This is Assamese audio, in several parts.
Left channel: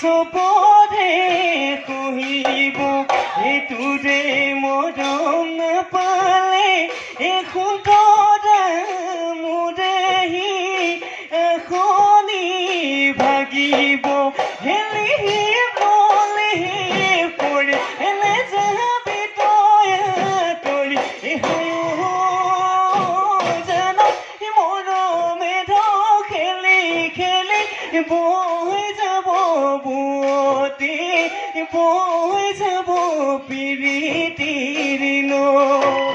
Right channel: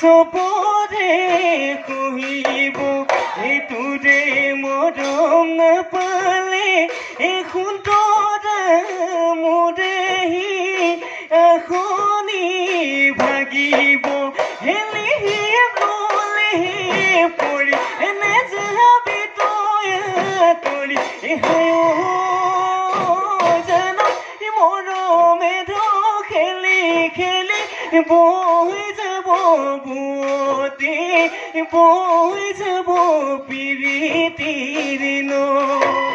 চবৰে কহিব এইটোৰে মৰম নাপালে সুন্দৰা মোৰেহি এখনি ভাগিব হেলি গলে পৰি এনে যাবি তই তৰি জানা মৰমে খেলি খেলি বৈ যাব বুৱতী বৈ যাব পিৰিতিৰ নৈ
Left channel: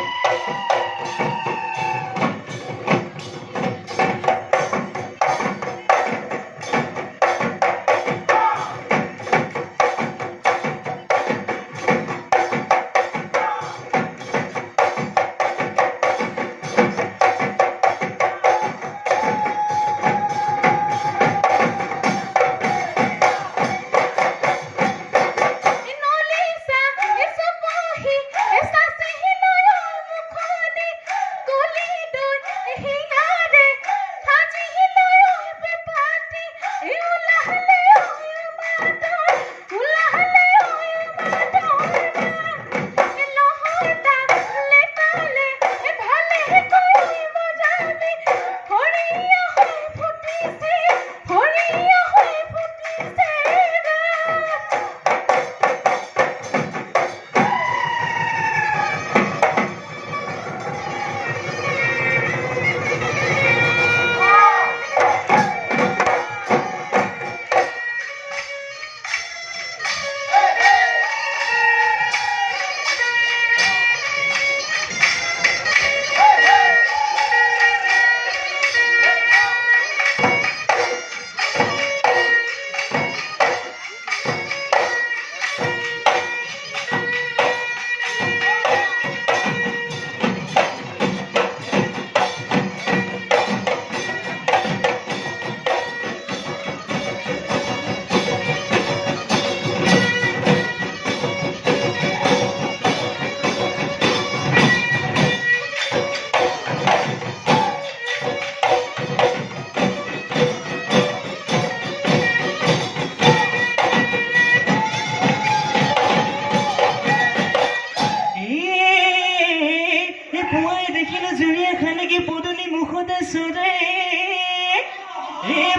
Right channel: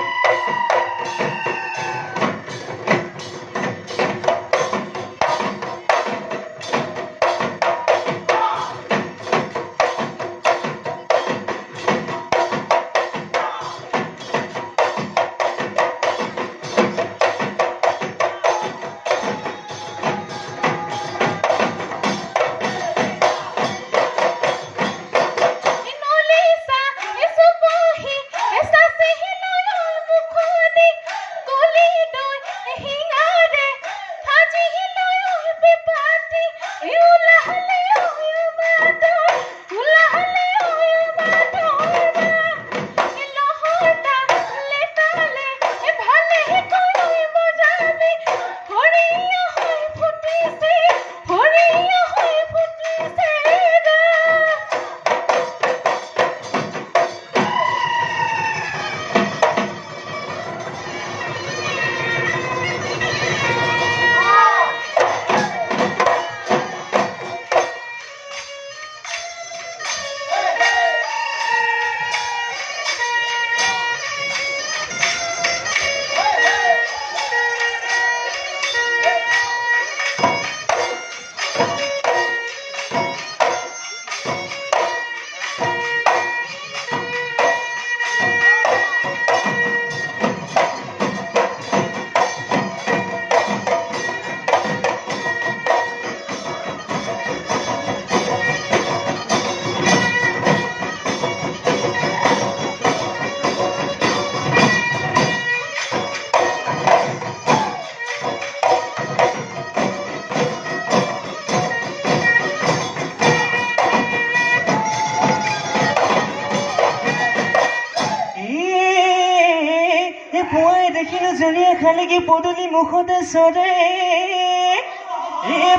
দেখিলো জুৰিয়া খানেকি পদূলি মুখতে চৰে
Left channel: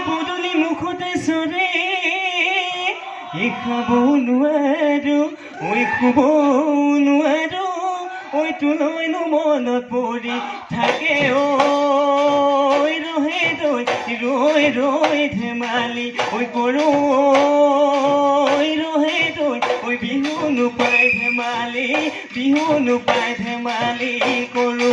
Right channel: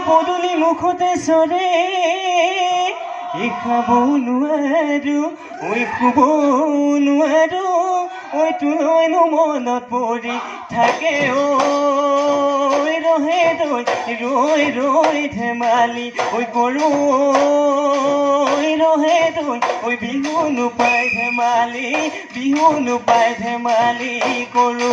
পদূলি মুখতে চৰে খাব নোৱাৰো শুব নোৱাৰো তোলৈনো মনত পৰি থাকে ৰহে ৰৈ ৰৈ ধেমালি কৰো ৰহে ৰৈ বিহু নোপাই ধেমালি কৰো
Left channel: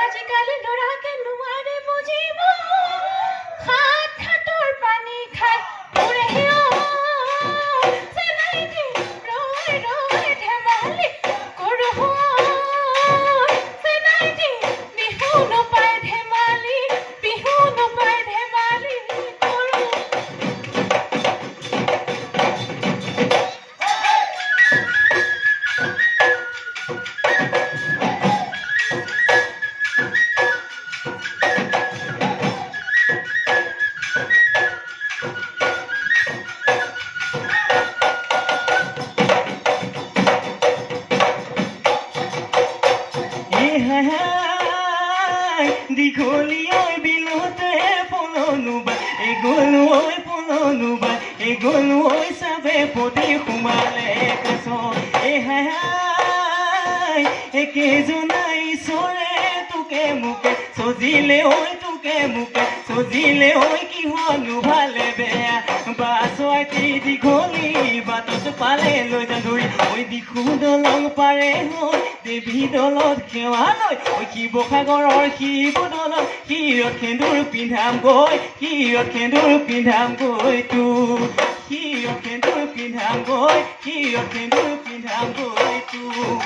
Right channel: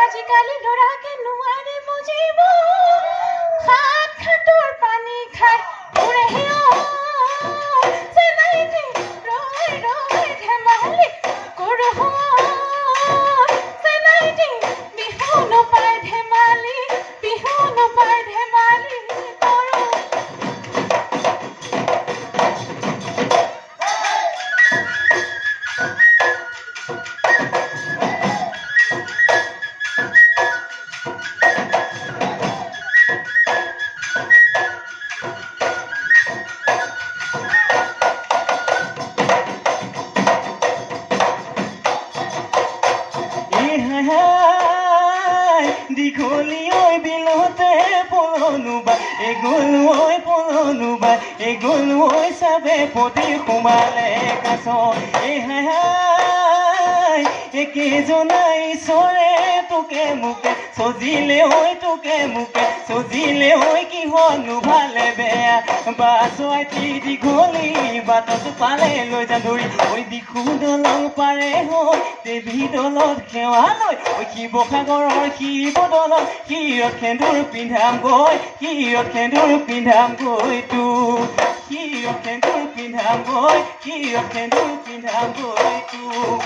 আজিকালি ল'ৰাকে নোৱাৰে বুজিব খাতৰ পানী খাই ৰৈ ৰৈ ধেমালি কৰো বিহু নোপাই ধেমালি কৰো দীঘলীয়া বিলতে পৰনুবা গলো চাবে পতি সোমালে কচ কেইজনাই চৰে তোকে মোকে সজিলে কিহনো ভালে বেয়া বাছুৱাইটি দীঘলী বাটত পালে লৈ যা ধৰি দিখু দলং পাৰে হৈ দেৱী দলত সেৱা লৈ শিৱসাগৰৰ শিৱদলত শিৰত সেন্দুৰ পিন্ধাম গৈ তোৰ শিৰত সেন্দুৰ পিন্ধাম গৈ তোৰ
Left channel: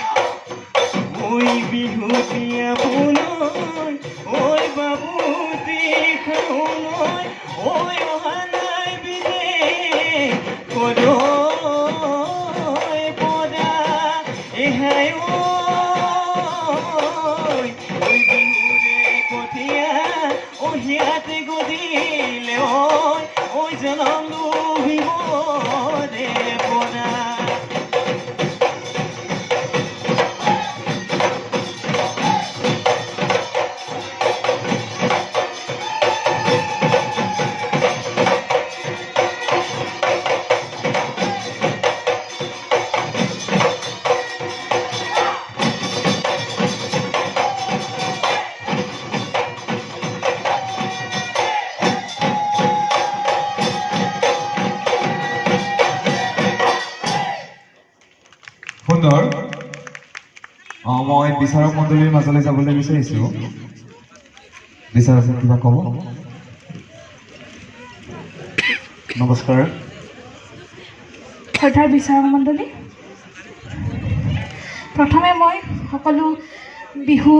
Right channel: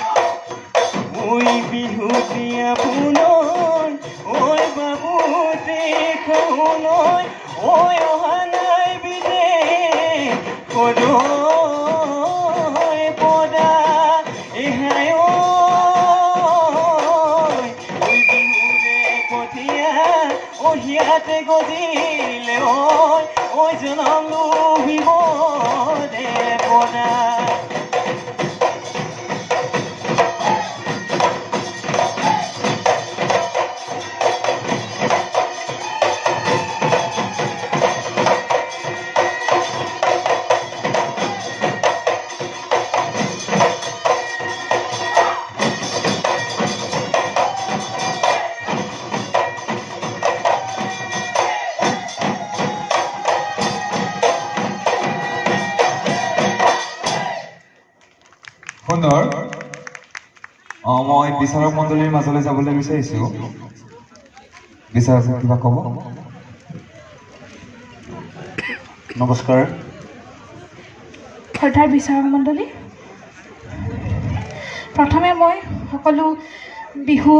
বিহু দিয়া পুনৰ বাবু দেখ অহা নাই বিদে পদৈ পদা এহাই ঐ বিহুৰে কঠীয়া অহিয়াতে গজিলে ঐ জনম লোভিব দে পদা সুন্দৰ মই বিচাৰক মণ্ডলীৰ মাজলৈ যাবলৈ বিচাৰিছোঁ বিচাৰক কিবা ক'ব নমস্কাৰ শ্ৰদ্ধাৰ বিচাৰক মণ্ডলী প্ৰথমে মই সকলো বিহু